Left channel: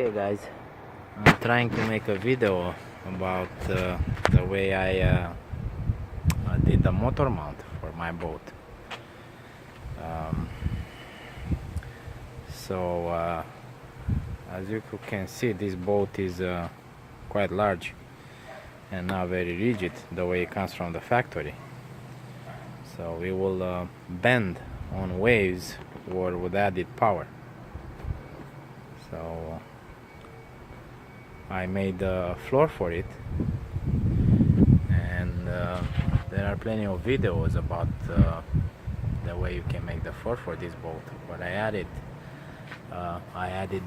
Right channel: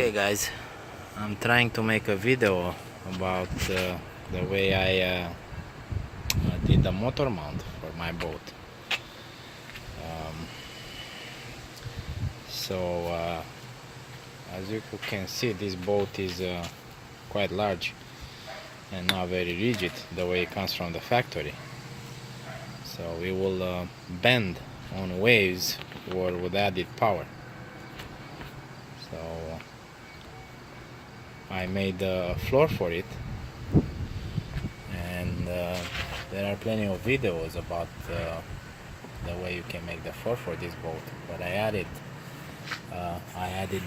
Okay guys, I'm trying to make a video about the way I did the motor mount for my boat. Um, so as you can see, this boat is quite large and not very rigid the way it comes from the factory. So it will bend on waves or with added power. So I made a floor for it, and there are plenty of videos about the way you can make the floor for this boat. But I added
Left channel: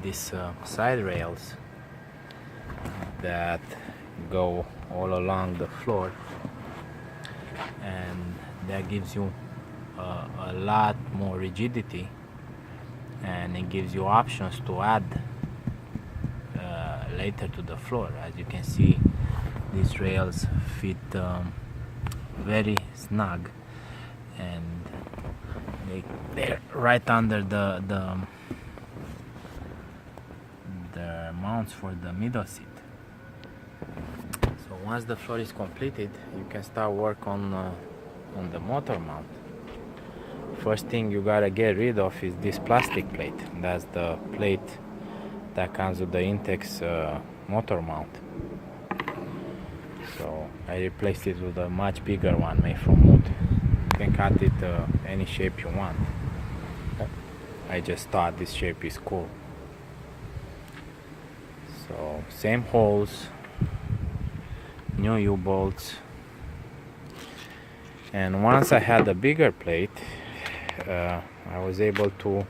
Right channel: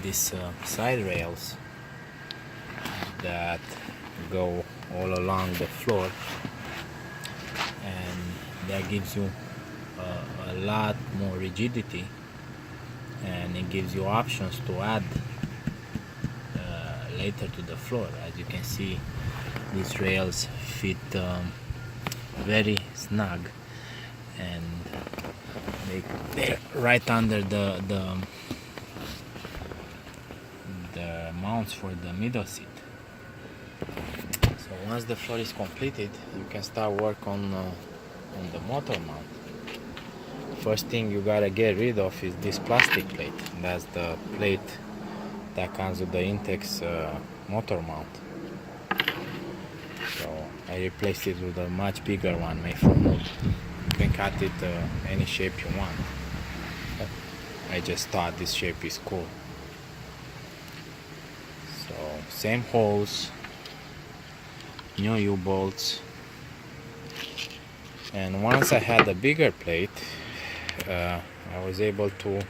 these side rails that go all along the floor, and that gives you a lot more rigidity, and it gives you options to add later to the floor. As you can see, these rails fit very snug, and they're right under the mounts for the middle seat. So once the floor is completed, you can start work on the motor mount. First thing you gotta get rid of is this plastic plate. That's the plate that comes with the Intex motor mount. So I replaced it with a much bigger one made from wood. You can cut it any shape you want. I just thought this shape is cool. So same holes, new U-bolts, and once I had a bigger plate, I was able to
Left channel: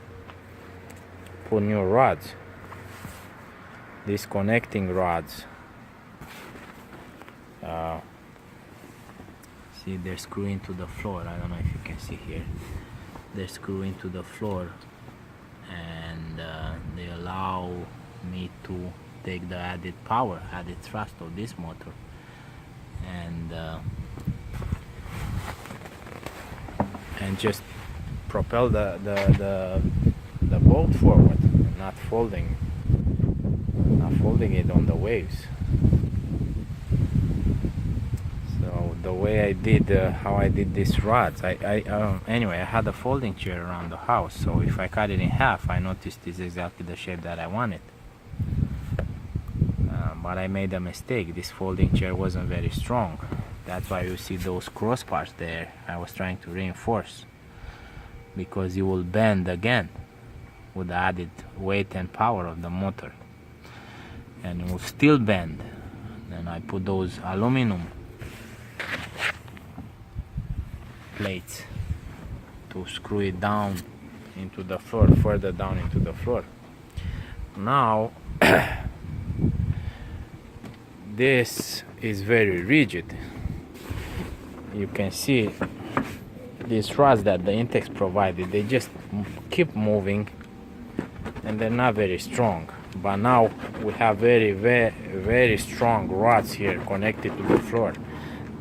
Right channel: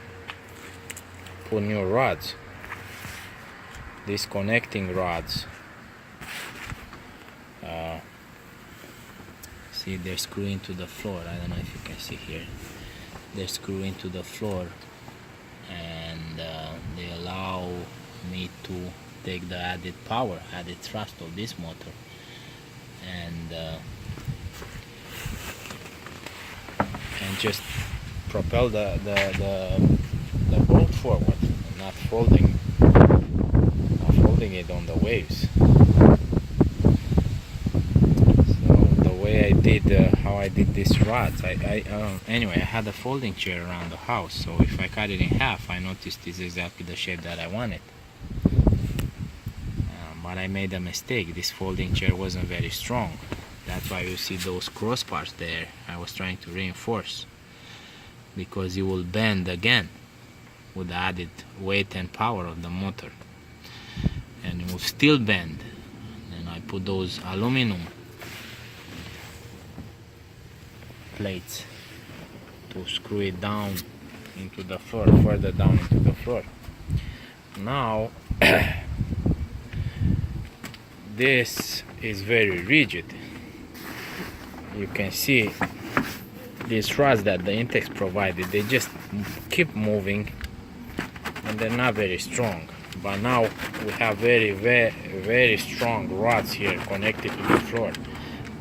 put new rods. These connecting rods, see, they're screwed into the floor. I don't know if you can see here. They're screwed into the floor, and they allow me to take the added power, added thrust of this motor, and just propel the boat forward, and not folding it on the waves. So the way I did, how I did these rods, anyway, I had a folding chair around the house, so if I cut it in half, I noticed it's exactly the shape that I wanted. But I made a mistake. This folding chair wasn't very strong. That's why you see those crossbars there. I was trying to reinforce, because you will bend again with the added weight and power of the motor, and it will still bend. And I put those aluminum plates to screw it down into the floor, further down into the floor. Now this is very rigid. You can see these rods that the Intex provided, they just keep moving, and they're not very strong. But now we have very strong rods here connected to the floor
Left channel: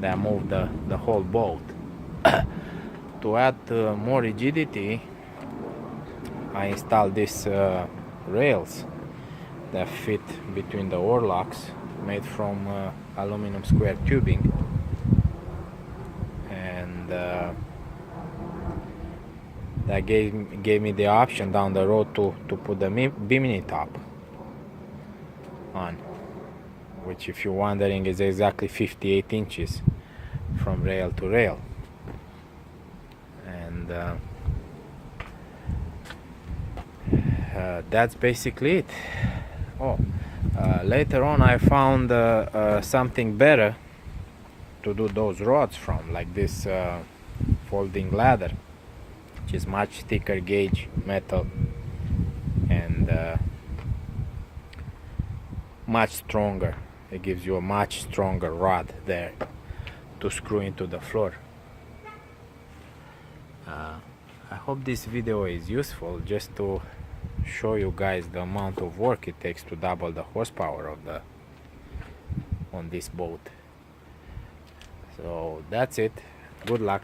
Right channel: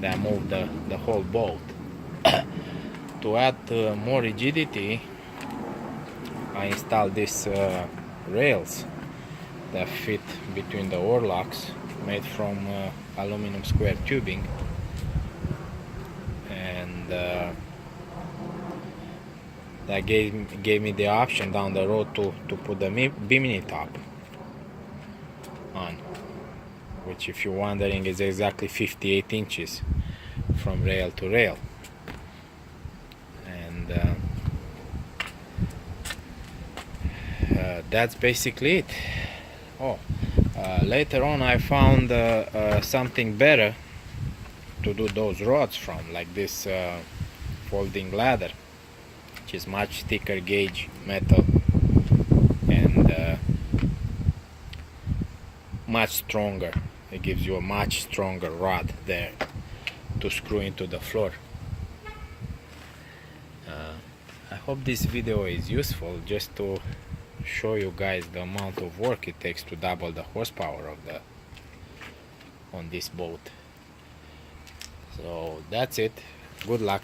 that move the whole boat. To add more rigidity, I installed these rails that fit between the oarlocks, made from aluminum square tubing, and that gave me the option down the road to put the bimini top on, which, if you're wondering, is exactly 58 inches from rail to rail. And that's basically it. Later on I found something better to do those rods from, like this folding ladder, which is much thicker gauge metal and much stronger. It gives you a much stronger rod there to screw into the floor. I hope this video is useful, just to show you guys the amount of work it takes to double the horsepower on this boat. So that's it. Good luck.